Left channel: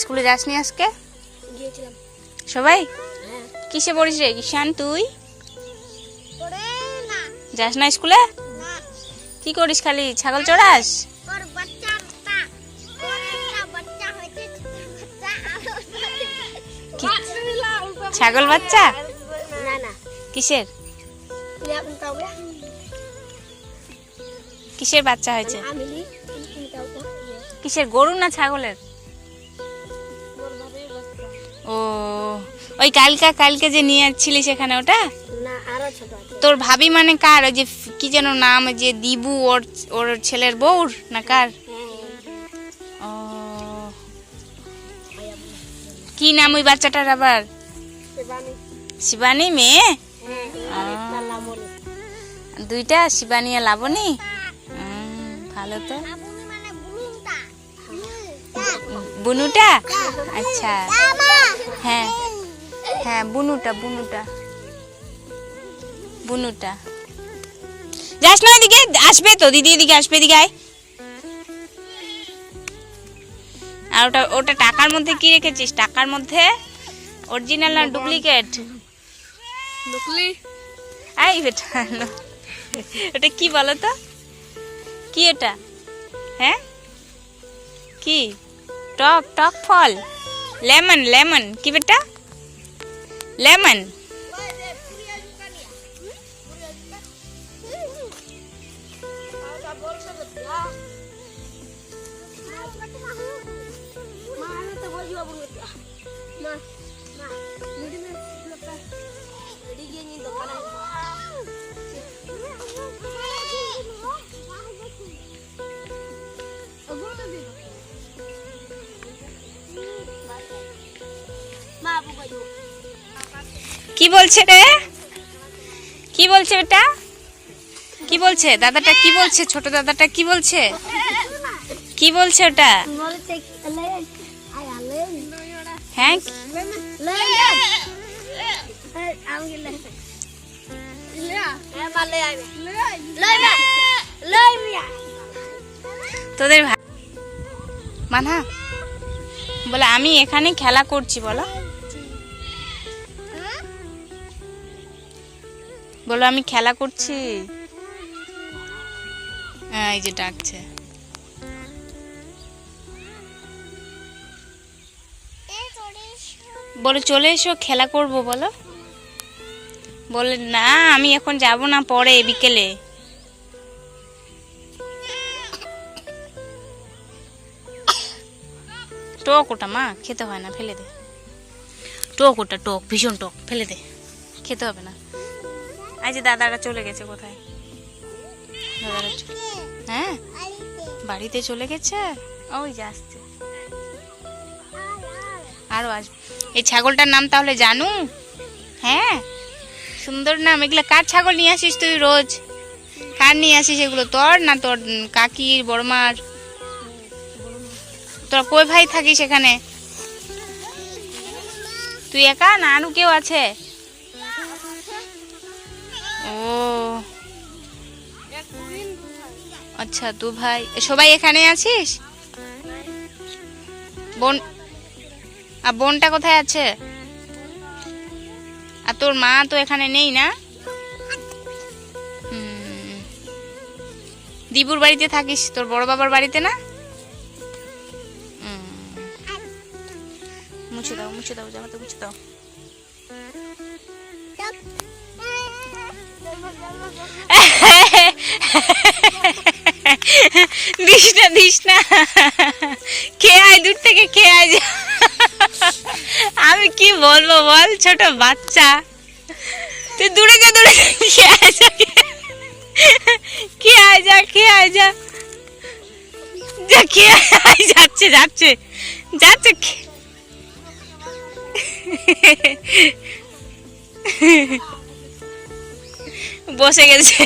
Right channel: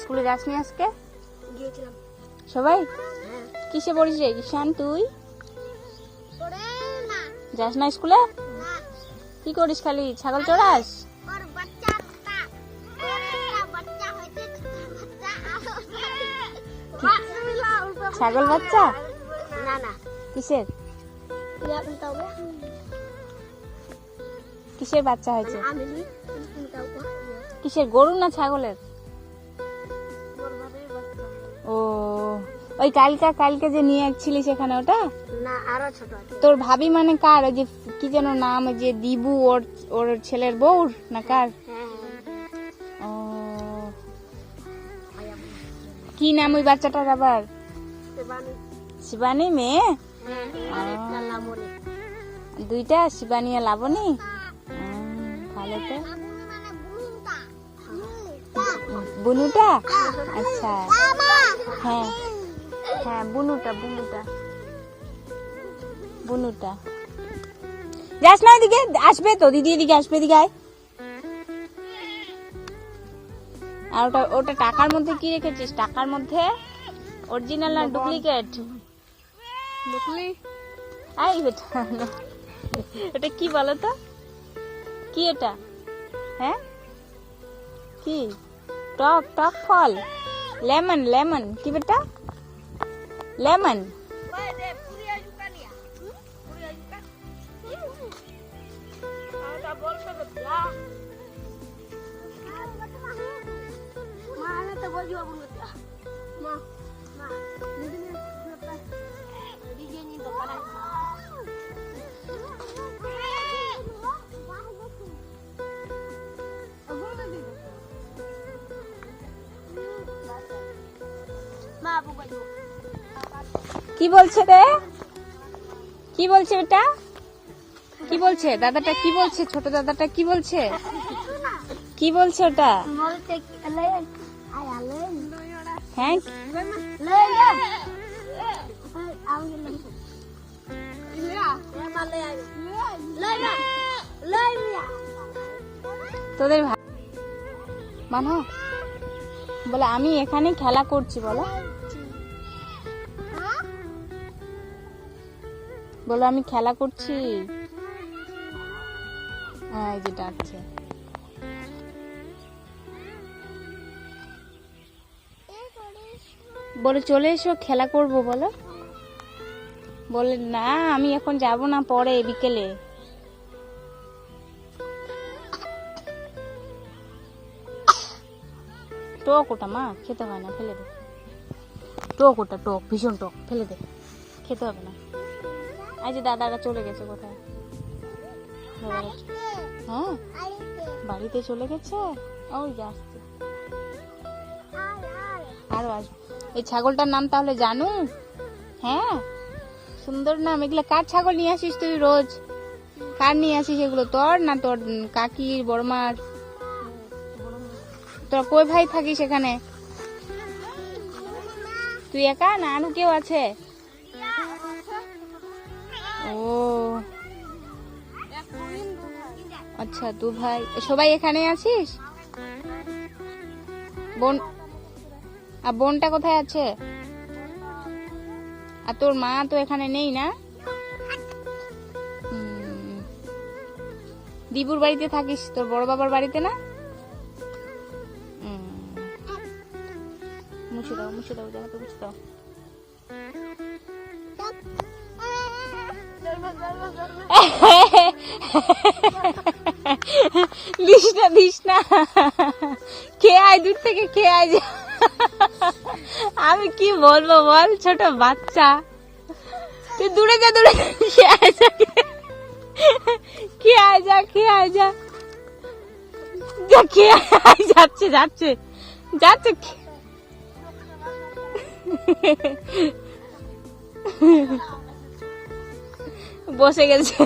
স্কুলে যাসনি আজকে? গিয়েছিলাম। সবাই? হ্যাঁ। কিসে পড়িস রে কিষান তুই? পড়ে না। যাস না স্কুলে? না। কি করিস খালি ছাগল চড়াস? ওর বাচ্চাটা ওর একটা বাচ্চা হয়েছে, বাচ্চা। ছাগল বাচ্চা? না না। কিসের? কিসের বাচ্চা হয়েছে? কিসের, গরু না ছাগলের? ও ওই কালকে যে নিয়ে আসছিলি সেখানে ওটা? না আরো ছোট আছে। তোর ভাবি মানে কার? ওই যে কি যেন নাম, যে দিবু, ওর ওর ছেলের বউর না কার? ও কি নাম ওই বাচ্চাটার আবার? শিবানী মেয়ে? দুইটা, শিবানী আর লাবণী? ভালো তো। বুনুটা? আচ্ছা হ্যাঁ হ্যাঁ, বুনুটা বুনুটা বুনুটা। যাস না ওইদিকে, আসবে তো দিদি, এদিকে আসবে, এদিকে আয়। আর ওটা ওটা টাকার মধ্যে কি রেখেছিস? টাকার মধ্যে অরিজিনাল না ডুপ্লিকেট? নকলি। আই বেটা, ওটা কি বলো তো? কি এটা? হ্যাঁ কি? টক টক ফল, লেমন লেমন কি বেটা? লেমন? কি বলছে রে? কি বলছে বেটা? কি বলছে দাদাটা? কি বলছে ছোট দাদাটা? কি বলছে? কি বলছে ওটা? হ্যাঁ তোদের মানা বলে আমি এখানে খেলা করছি, বলো বলো আমি খেলা করছি। হ্যাঁ এই যে ডাকছে। বলে চলে এসো খেলা করব, বলো। বলে না আমি এখন যাব না, পরে বিকেলে। টক ওটা মা, খেতে হয় না, ফেলে দে। টক ওটা, টক, ভীষণ টক, ফেলে দে, খেতে হবে না। এই যে দাদারা চলে গেছে কোথায়? দাদারা হ্যাঁ বাড়িতে চলে গেছে, ওই যে আসছে, আরো আসবে। এই ছাগলটার নাম তাহলে জানু? হ্যাঁ সুন্দর নাম। এগুলো কার ছাগল নিয়ে আসিস তুই রোজ? কার নিয়ে আসিস এগুলো? তোর না তোর কাকির, বড়মার? তোর কই ভাই থাকিস এখানে? তুই একা না আরো কেউ আছে? ও আচ্ছা, তু ভাই সবাই এখানে আছিস? বোন আর বোনটা কোথায় আছে? আর তোর মা তো এখানে নেই না? দিবুর বাড়িতে থাকিস, তোর বড় বাবার বাড়িতে না? মুছে দাও, মুছে দাও, জামাটা মুছে দাও। দিস না, দিস না, খেয়ে আয়, দূর থেকে খেয়ে আয়। আমি কি বলবো বল, ছোট বাচ্চা, তুই দূরে যা, দূরে খেয়ে আয় যা, খেয়ে আয় যা, খেয়ে আয় যা, যা খেয়ে আয়। যাচ্ছে যাচ্ছে যাচ্ছে, বসে গেছে।